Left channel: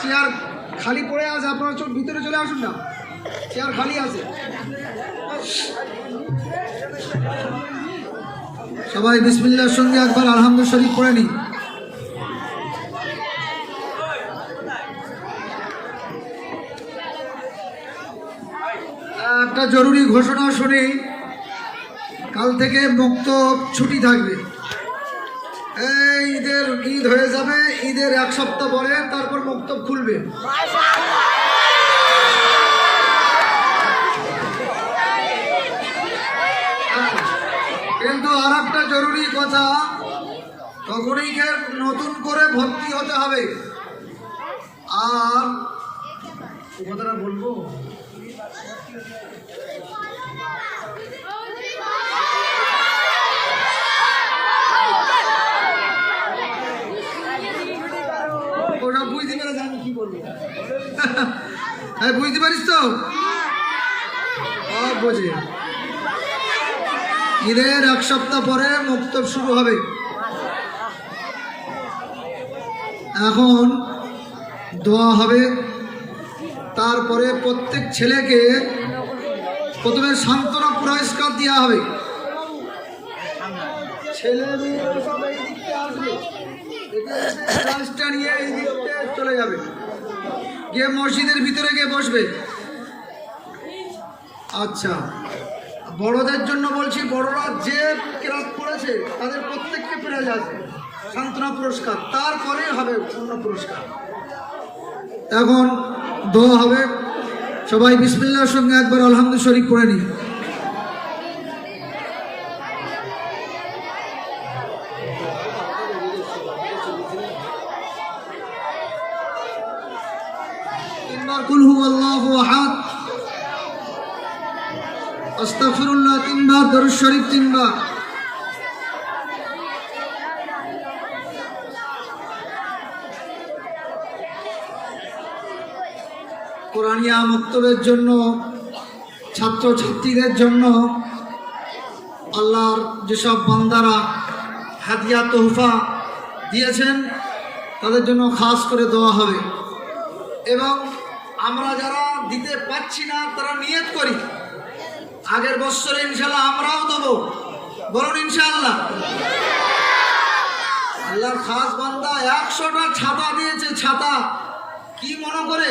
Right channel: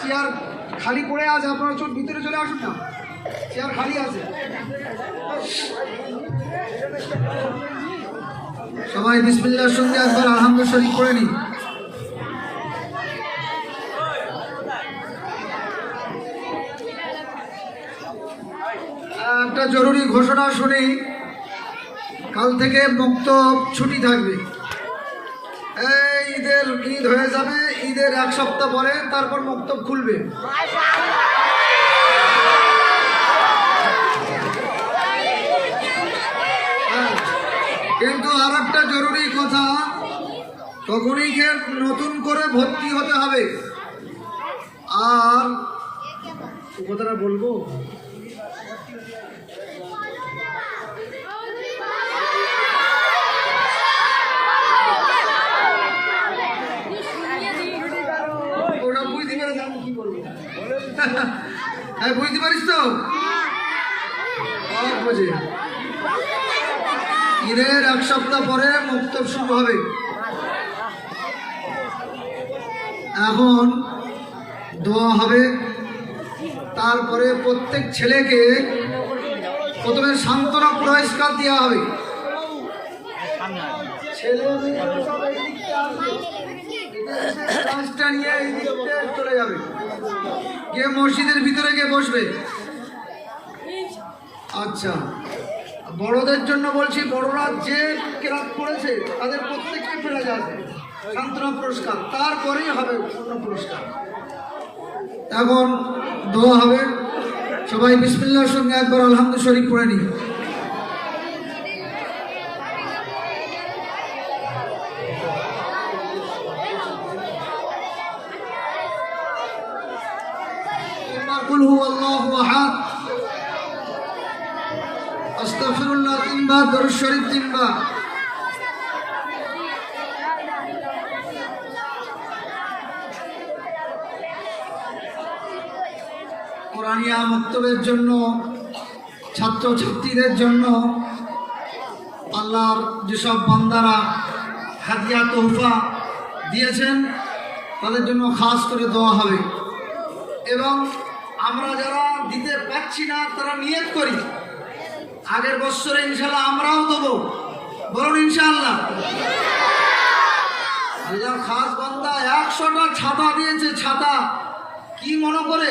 Chair খালি পড়ে আছে, আপনারা চোখ ভিতরে চলে আসুন না। চেয়ার খালি আছে। সবাই বিসমিল্লার সঙ্গে একবার আলহামদুল শরীফ করে নিন। একটা জরুরি ঘোষণা শুনি, কাল থেকে মুক্ত ছুটি থাকবে। ঈদের ঈদ হয়ে যাবে, ঈদের এক সপ্তাহ পরে তারপর মক্তব খুলবে। কিন্তু আর একটা জরুরি কথা, তখনই কে নতুন করে ভর্তি হতে হবে। আর, কথাটা বলব? ওটা বুঝতে হ্যাঁ বুঝতে তো? বোঝে। ঈদের এক সপ্তাহ পরে মুক্তব শুরু হবে। এখন দোয়া হবে। তারপরে প্রত্যেক ছেলেকে প্রথমে সান্ত্বনা পুরস্কার দেওয়া হবে। ছেলে মেয়ে সব এই দিকতে আসবে। নিয়ে এই চলে যাবে। গিয়ে মসজিদের ভিতরে গিয়ে বসবে। আচ্ছা। বড়দের জন্য বলছি, বড়রা যে ক্লাস করেছে, তাদের প্রত্যেককে পেয়ে যাবে সান্ত্বনা পুরস্কার। তারপরে হবে পূর্ণ পুরস্কার। এখন দোয়া হবে। সবাই বিসমিল্লার সঙ্গে একবার আলহামদুল শরীফ করে নিন তিনবার কুল হু আল্লাহু আহাদ আস্তাগফিরুল্লাহ তিনবার দরুদ শরীফ তিনবার কোরআনিয়া মক্তবের জন্য ছাত্র ছাত্রীদের জন্য আল্লাহর যেসব বান্দারা হাদিয়া, তোহফা দিয়েছেন, তাদের জন্য খাস করে দেওয়া হবে। এবং আমরা যারা দিতে পাচ্ছি না, তারা নিয়ত করি। আগের বছরে ইনশাল্লাহ আমরাও দেবো। বলুন ইনশাল্লাহ আল্লাহর খাস বান্দা একশোটা ছাতা দিয়েছে, ছাতা। কি মনে করে?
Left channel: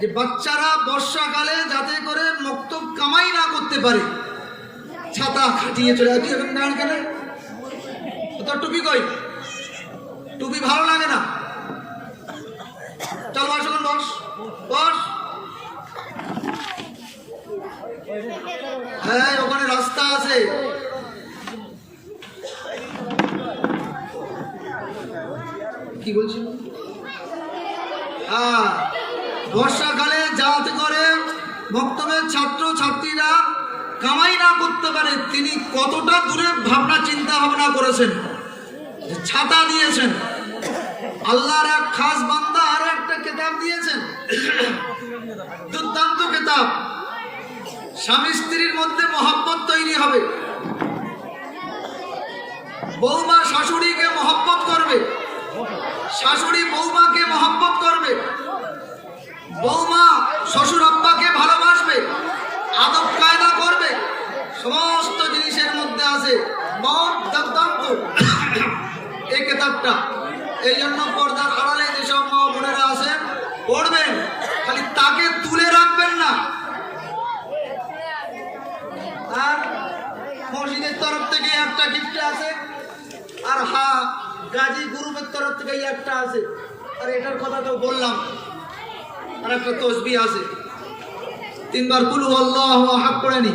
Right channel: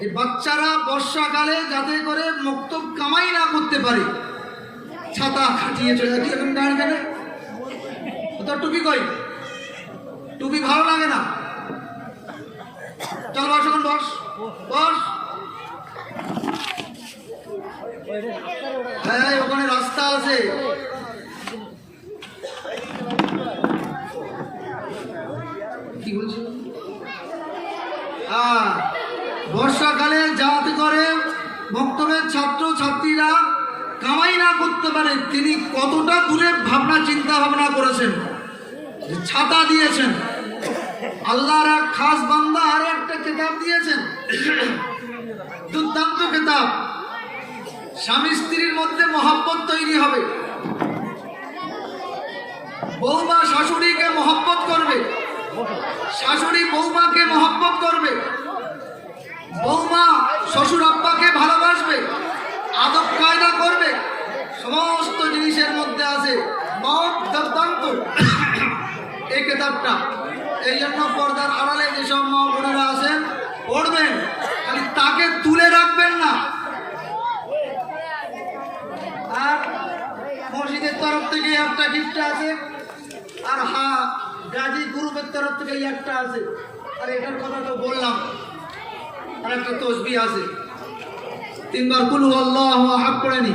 যে বাচ্চারা বর্ষাকালে যাতে করে মক্তব কামাই না করতে পারে। ছাতা খাটিয়ে চলে কেন টুপি কই? টুপি ভালো লাগে না চল বস এখন বস বস হ্যাঁ ওখানে রাস্তা আছে কি বলছিল হ্যাঁ বর্ষাকালে যাতে করে বক্তব্যের ছাত্র ছাত্রীরা কামাই না পারে তিনি কতটা দূরে ভাবনা, চিন্তা ভাবনা করেছেন? ছাতা দিয়েছেন। আল্লাহর এক খাস বান্দা আর একটা কিতাব দিয়েছেন। দুর্দান্ত কিতাব। স্বামী স্ত্রীর মধ্যে মহব্বত তৈরি হবে। বৌমা শাশুড়িকে মহব্বত করবে। শাশুড়ি বৌমাকে মহব্বত করবে। বৌমা শ্বশুর আব্বাকে ভালোবাসবে সমস্ত জিনিসের মধ্যে আছে এই কেতাবটা। এই জন্য পর্দার আড়ালে যেসব মা বোনেরা আছেন পড়বেন, খালি তাকে তুলে রাখবেন না। আর মসজিদের তরফ থেকে একটা গিফট আছে, আর হা, গাজী গ্রুপের তরফ থেকে একটা আছে। আর এটার কথা তো বললাম। আর একটা তসবি আছে। তিনবার কুলু আল্লাহ হাত করে নি।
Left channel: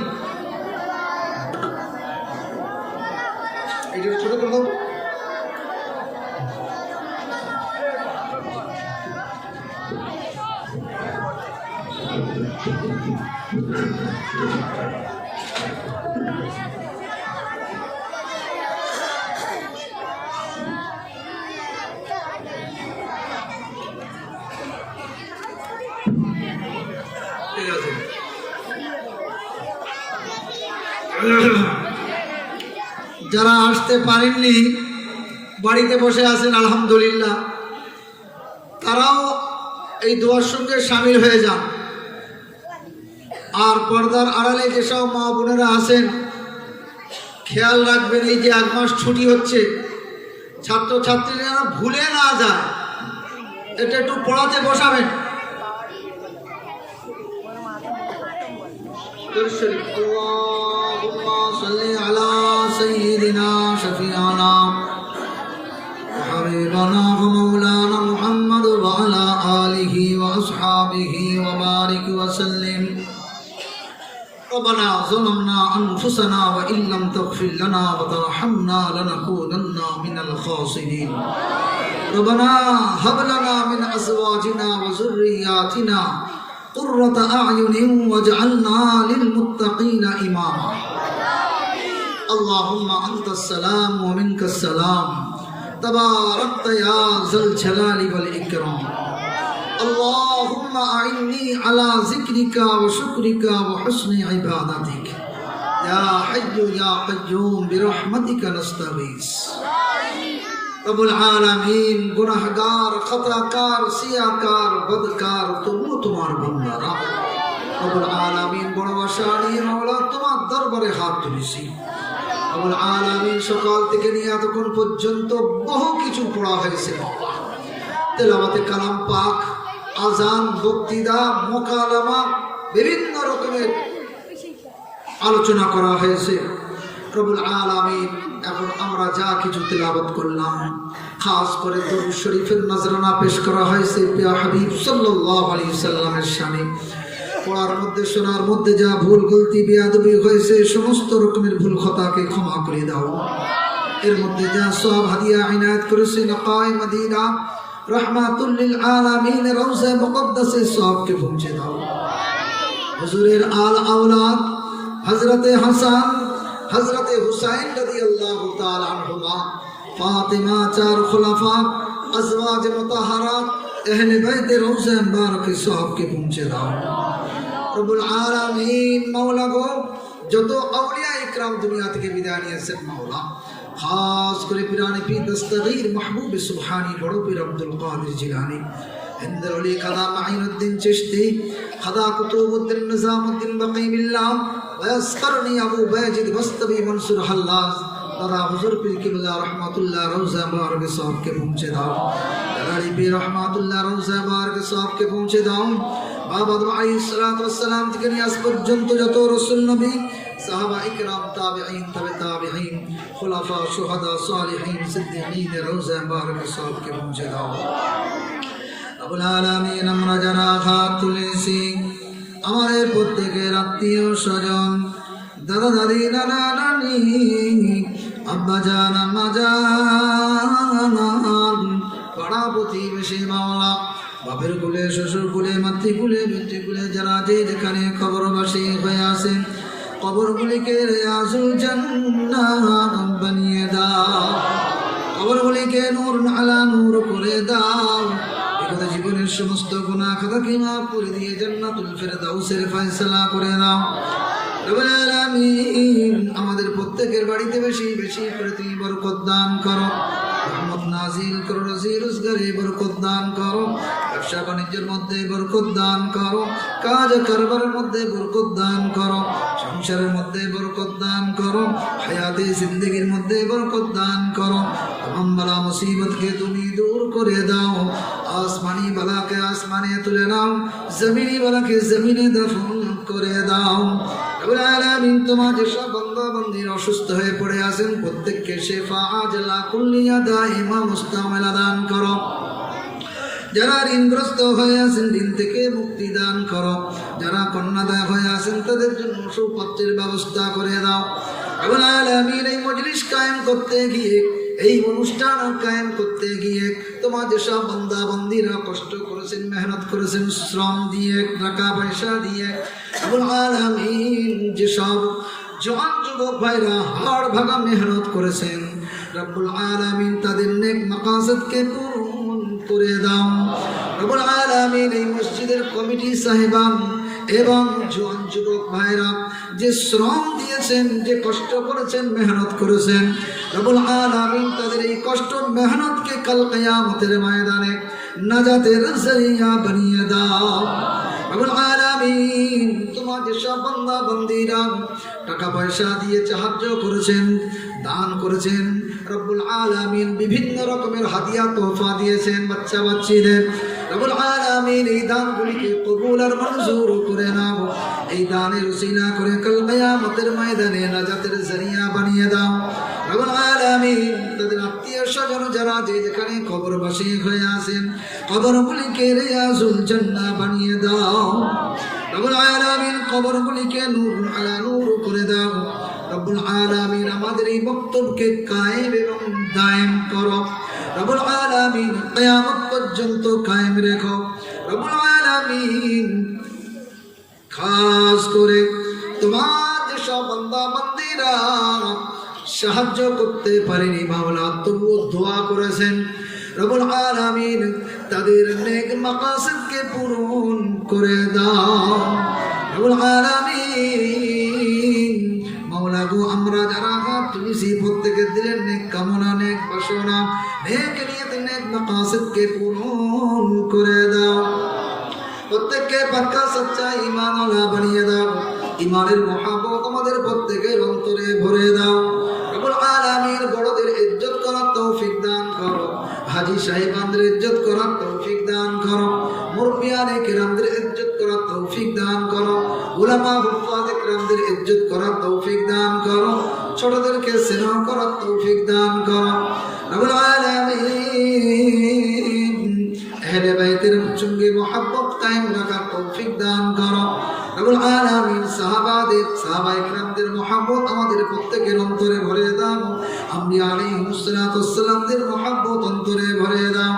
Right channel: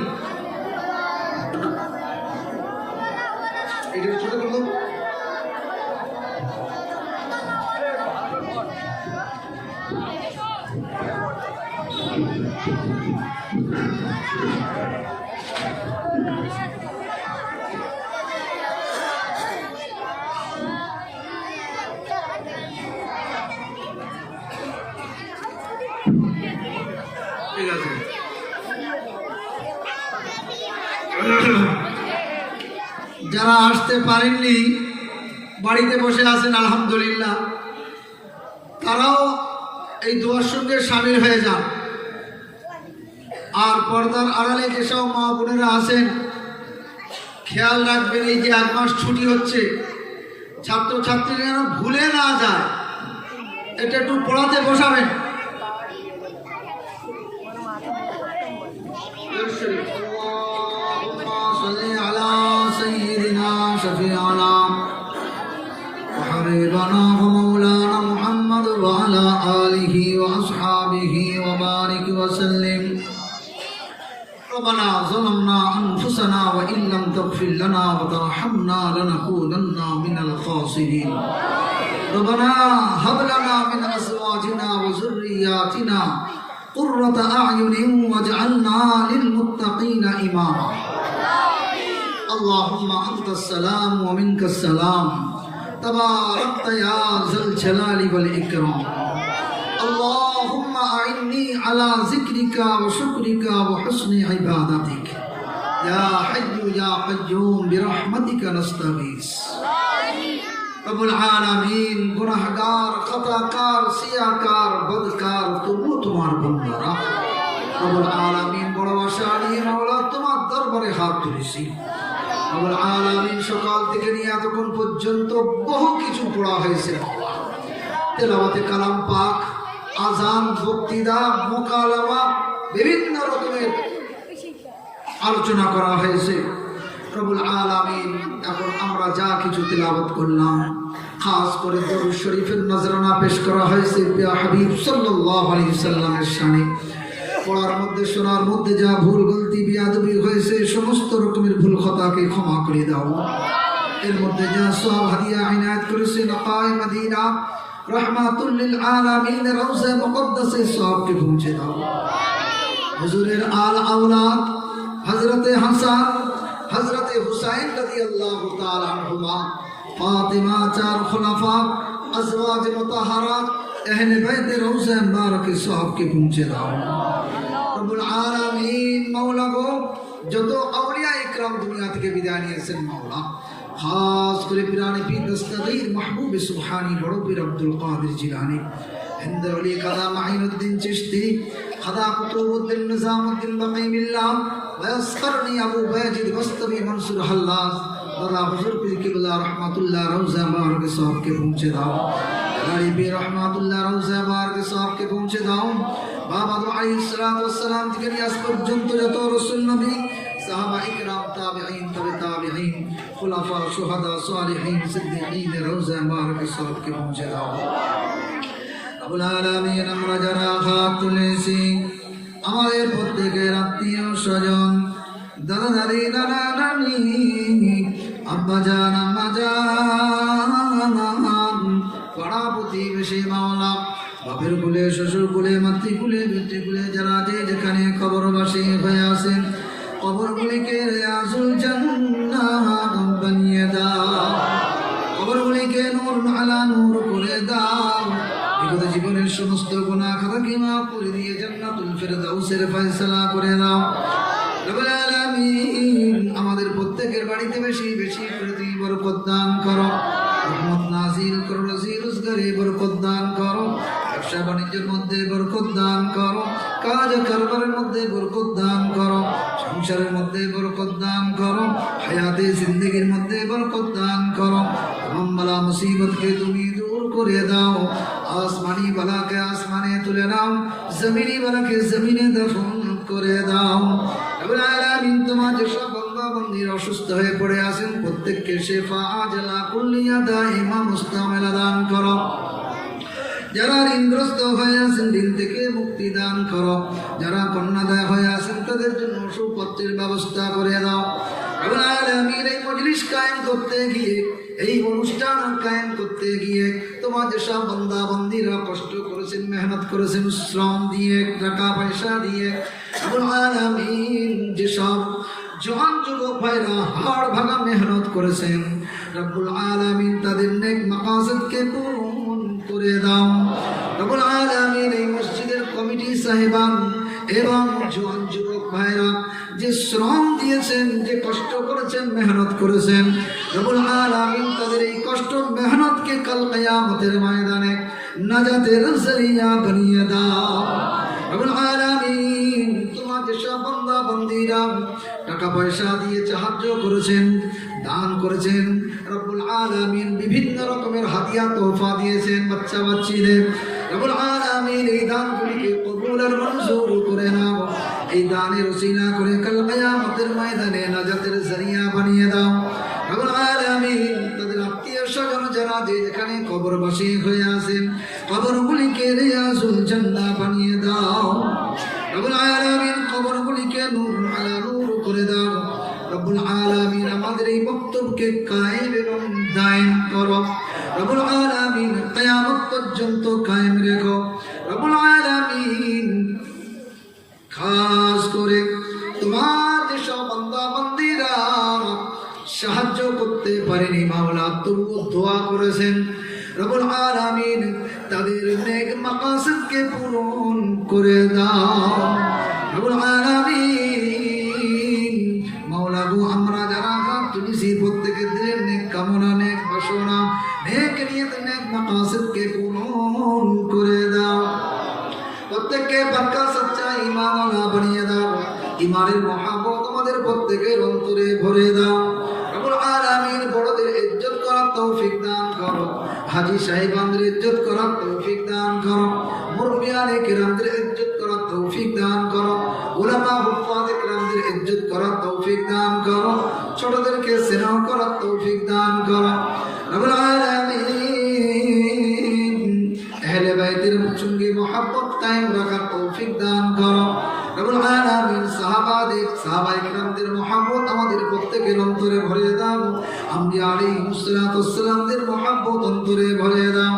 যারা আসতে পারেননি বাড়িতে বসে আছেন আলহামদুলিল্লাহ। তারাও এই দোয়ার সঙ্গে সামিল হয়ে যান। আর পর্দার আড়ালে যেসব মা বোনেরা আছেন খেয়াল রাখবেন এই যে এক মাস ছুটি হচ্ছে ছাত্রছাত্রীরা ভুলে না যায়। এটা একটু পড়াতে বসাবেন। অবশ্যই وجعلنا للمتقين إماما. اللهم أنت السلام ومنك السلام. تباركت يا ذا الجلال والإكرام. اللهم أعني على ذكرك وشكرك وحسن عبادتك. يا حي يا قيوم برحمتك نستغيث. رب العالمین گناہگار خطا کار سیاہ کار بدکار تو وہ تمہار بندہ رب العالمین. তোমার দরবারে হাত সকাল থেকে নিয়ে এতক্ষণ পর্যন্ত বহু কিছু পড়া হয়েছে। কালাম পাক, আজান বিভিন্ন রকমের আলোচনা করা হয়েছে। প্রবুল আলামিন, এখন আমরা যা কিছু তেলাওয়াত করলাম, খাস করে শরীফের নজরানা পেশ করা হয়েছে সাল্লামের পড়ার মধ্যে, শোনার মধ্যে যা ভুল, গলতি, বিয়াদবি হয়েছে, সমস্ত রকমের ভুল খতাকে ক্ষমা করে দাও। এর মধ্যে যা সব হাদিয়া আইনাত করেছে নকায় মদিনা, রহমাতুল্লিল আলামিন, রওজা মুকদ্দাসে, সবকে পৌঁছে দাও। হুজুরের আল আওলাদ, হযরতে হাসান, হযরতে হুসাইন রাদিয়াল্লাহু তাআলা আনহুমা, ফাতিমা, চার খোলাফা, আজওয়াজ মুতাহারাত আহলে বাইত রওজা মুবারকে সবকে পৌঁছে দাও। রব্বুল আলামিন, মাওলা গো, যত আউলিয়া ইকরাম দুনিয়া থেকে বিদায় নিয়েছেন মাওলা, খাস করে পিরানি পি দস্তগীর মাহবুব সুবহানি বড় পীর আব্দুল কাদের জিলানী। হিন্দ আলী কাদা মাহিনুদ্দিন চিশতি, কাদা কুতুবুদ্দিন নিজামুদ্দিন বাকি বিল্লাহ ওয়াসকারনি আবু বাজিদ বস্তবি মনসুর হাল্লাজ। তারা হুজুর পীর কিবলা রহমাতুল্লাহ রওজা দাও। পীর রহমাতুল্লাহ রওজা মুবারক সাহবকে পৌঁছে দাও। বাবা আলাইহিস সালাতু ওয়াসসালাম থেকে নিয়ে আজ পর্যন্ত যত রাসূল নবী, সাহাবা ইকরাম প্রত্যেকের আত্মীয় স্বজন, দাদা, দাদি, নানা, নানি আব্বা জান পাড়া প্রতিবেশী মাওলা। বাপের কুলে, শ্বশুর কুলে মাতৃকুলে পিতৃকুলে যারা যেখানে খবরবাসী হয়ে আছেন, কবরগুলিকে রেয়াজুল জান্নাত বানিয়ে দাও। কবরগুলিকে নূর আলা নূর করে জীবনের সমস্ত গুনাহ খাতাকে মাফ করে দিয়ে জান্নাতুল ফেরদাউসের ফয়সালা করে দাও। রব্বুল আলামিন বাড়িতে বেশি বেশি করে তুমি বরকত দান করো। জিন্দগির মধ্যে বরকত দান করো। তুমি দূর করে দাও। আসমানি বালাকে আসমানে তুলে নাও। জমিনি বালাকে জমিনে দফন করে দাও। তোমার যেসব বান্দির অসুস্থ হয়ে পড়ে আছেন, প্রত্যেককে আজলা কুল্লিয়া দাইমা মুস্তামেলা দান করো। যারা ঋণগ্রস্ত হয়ে আছেন ঋণ থেকে মুক্তি দান করো। যারা কন্যাদায় হয়ে আছেন, তাদের জন্য সুপত্রের ব্যবস্থা করে দাও। এই অনুষ্ঠান কায়েম করতে গিয়ে তোমার করেছেন, মেহনত করেছেন, শ্রম দিয়ে, টাকা পয়সা দিয়ে। যেসব যুবক ভাইরা হাড় ভাঙা মেহনত করেছেন। রব্বুল আলামিন তাদের নেক মাকাসদকে করে দাও। রব্বুল আলামিন এই মসজিদের কমিটি সাহেবান এবং জওয়ান যুবক ভাইরা যে শ্রম দিয়েছেন, যে কষ্ট করেছেন, মেহনত করেছেন, রব্বুল আলামিন তাদের এই কষ্ট মেহনতকে কাল কিয়ামতের ময়দানে নাজাতের জরিয়া বানিয়ে দাও। রব্বুল আলামিন তোমার যেসব বান্দা বান্দিরা টাকা পয়সা দিয়ে সাহায্য করেছেন, দান করেছেন। রব্বুল আলামিন বিভিন্ন রকমের হাদিয়া, তোহফা দিয়েছেন বাচ্চা বাচ্চিদের। রব্বুল আলামিন এই দানগুলিকে কবুল আর মঞ্জুর করে নাও। এই দানের উসিলা করে কাল কিয়ামতের ময়দানে নাজাতের জরিয়া বানিয়ে দাও। রব্বুল আলামিন তাদের আত্মীয় স্বজন যারা যে যেখানে কবরবাসী হয়ে আছেন, কবরগুলিকে রিয়াজুল জান্নাহ বানিয়ে দাও। রব্বুল আলামিন কবরগুলিকে নূর আলা নূর রব্বুল আলামিন আমাদের এই বক্তব্যকে কায়েম এবং দিলের নেক কামনা নেক বাসনা নেক নিয়ত নেক মাকাসিদকে পূরণ করে দাও প্রত্যেককে পাক্কা সচ্চা ইমান আলা বানিয়ে দাও ইমানের মহাব্বত আমাদের প্রত্যেকের অন্তরে করার তৌফিক দান করো। রব্বুল আলামিন আহলে বাইতের সঙ্গে মোহাব্বত কায়েম রাখার তৌফিক দান করো। রব্বুল আলামিন সাহাবাদের, সাহাবায়ে কিরামদের মোহাব্বত আমাদের প্রত্যেকের অন্তরে ভরে দাও। আম্বিয়া আলাইহিস সালাতু ওয়াসসালামদের মোহাব্বত অন্তরে ভরে দাও।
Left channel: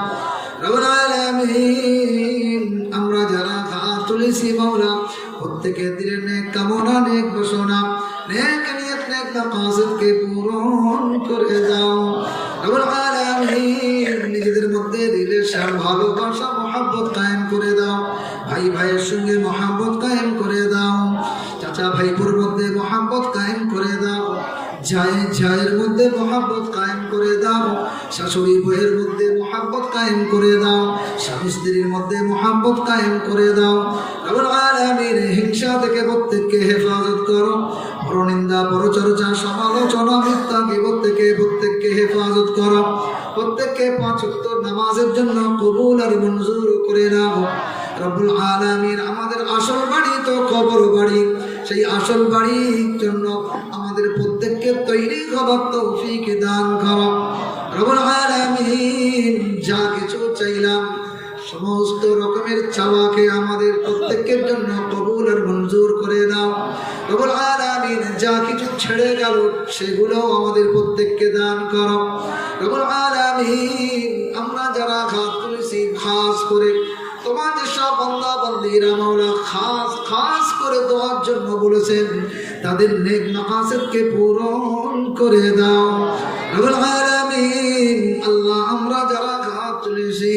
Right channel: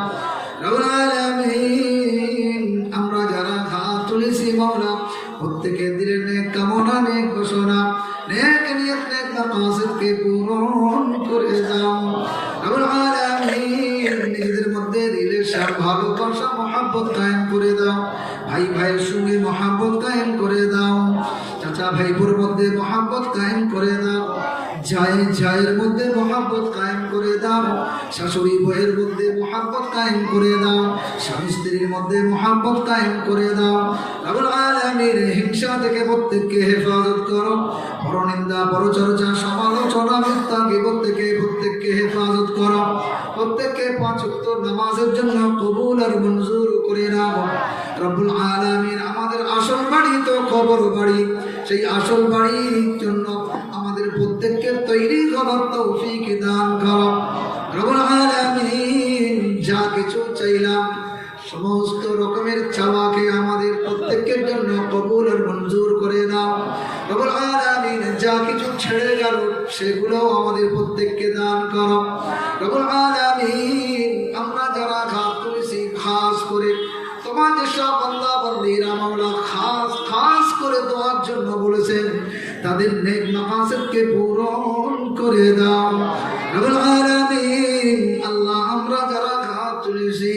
রব্বুল আলামিন, আমরা যারা হাত তুলেছি মাওলা, প্রত্যেকের দিলের নেক কামনা, নেক বাসনা নেক নিয়ত, নেক মাকাসিদকে পূরণ বড় নিন্দা বড় চর্চা সমালোচনা মিথ্যা থেকে প্রত্যেককে হেফাজত করা। প্রত্যেককে পাঁচ ওয়াক্ত নামাজের জন্য কবুল আর মঞ্জুর করে রাখো রব্বুল আলামিন আমাদের আসল বাড়ি তো কবর বাড়ি। সেই আসল বাড়ির আলমিন যা কিছু ছেড়ে গেল সেগুলো আমাদের প্রত্যেককে দান করো। রবুল আলমিন, আমরা যারা ঘাত করেছি, খাস করে তোমার যেসব বন্দা বন্দিরা মৌলা খাস খাস করে দেওয়ার জন্য বলেছেন, তাদের নেক মাকাসদকে পূরণ করে দাও। রবুল আলমিন, আল্লাহ, আমরা যারা ঘাত করেছি,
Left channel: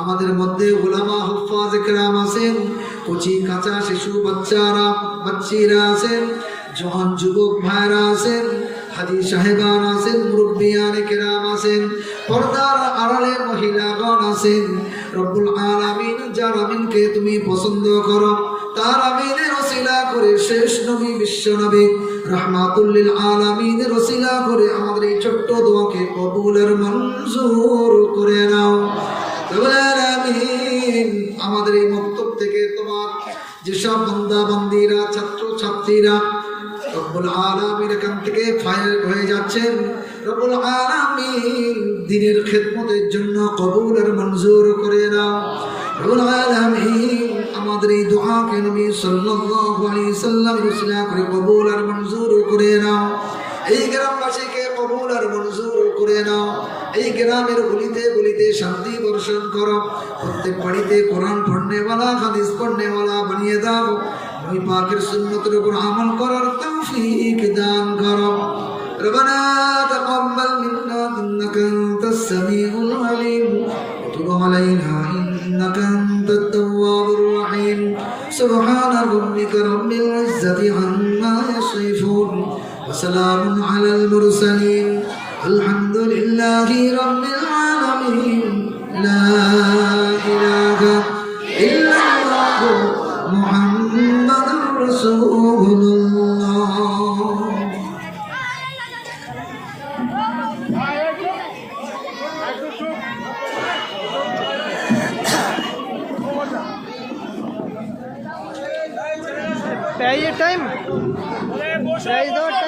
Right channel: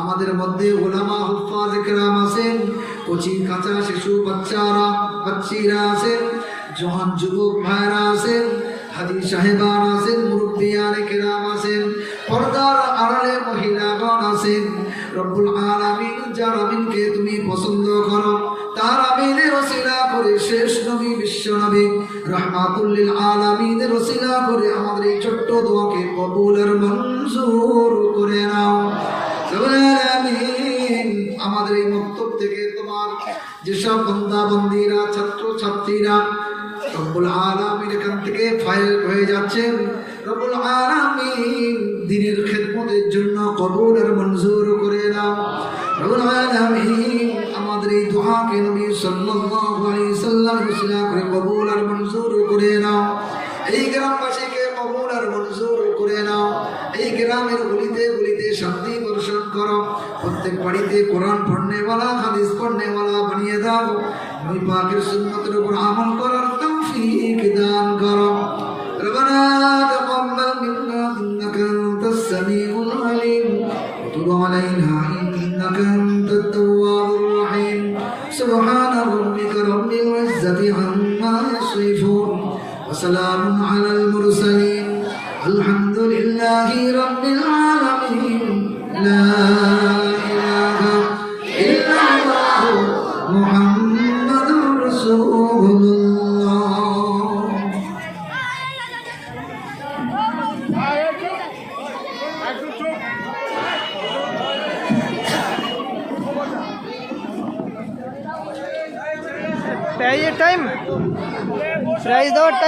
আমাদের মধ্যে ওলামা হফাজ কেরাম আছেন কচি কাঁচা শিশু বাচ্চারা, বাচ্চিরা আছেন জহান যুবক ভাইরা আছেন, হাজি সাহেবান আছেন মুরব্বিয়ান কেরাম আছেন, পর্দার আড়ালে মহিলাগণ আছেন। রব্বুল আলামিন, যার আমিনকে তুমি পছন্দ করো, তার আমিনের ওসিলা করে শেষ নবী, বিশ্ব নবী, রহমাতুল্লিল আলামিনের রসিলা করে আমাদের এই ছোট্ট দোয়াকে কবুল আর মঞ্জুর করে নাও। আমাদের এই মক্তব থেকে তোমার যেসব বান্দা বান্দিরা ছাত্র ছাত্রীরা রব্বুল আলামিন এখান থেকে ফায়ার হয়ে যাচ্ছেন রব্বুল আলামিন দিনের খেদমতের জন্য কবুল আর মঞ্জুর করে নাও রব্বুল আলামিন আমাদের এই দোয়াকে নবী সাল্লাল্লাহু আলাইহি সাল্লাম ইসলাম করে কবুল আর মঞ্জুর করে নাও এই গ্রামবাসীকে কবুল আর মঞ্জুর করে নাও এই গ্রামের গলিতে গলিতে শান্তি বর্ষণ করো। প্রত্যেক বাড়িতে কোরআন পড়নেওয়ালা, হাদিস পড়নেওয়ালা বানিয়ে দাও। নবী পাকের সুন্নতের উপর আমল করার তৌফিক দান করো ربنا تقبل منا إنك أنت السميع العليم وتب علينا إنك أنت التواب الرحيم سبحان ربك رب العزة عما يصفون وسلام على المرسلين الحمد لله رب العالمين لا إله إلا الله محمد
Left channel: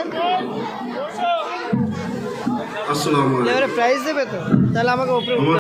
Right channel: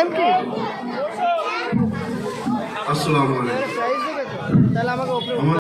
দেওয়ার কি আসসালামু আলাইকুম প্রাইজ দেবে তো? তাহলে আমাকে ওপরে আমার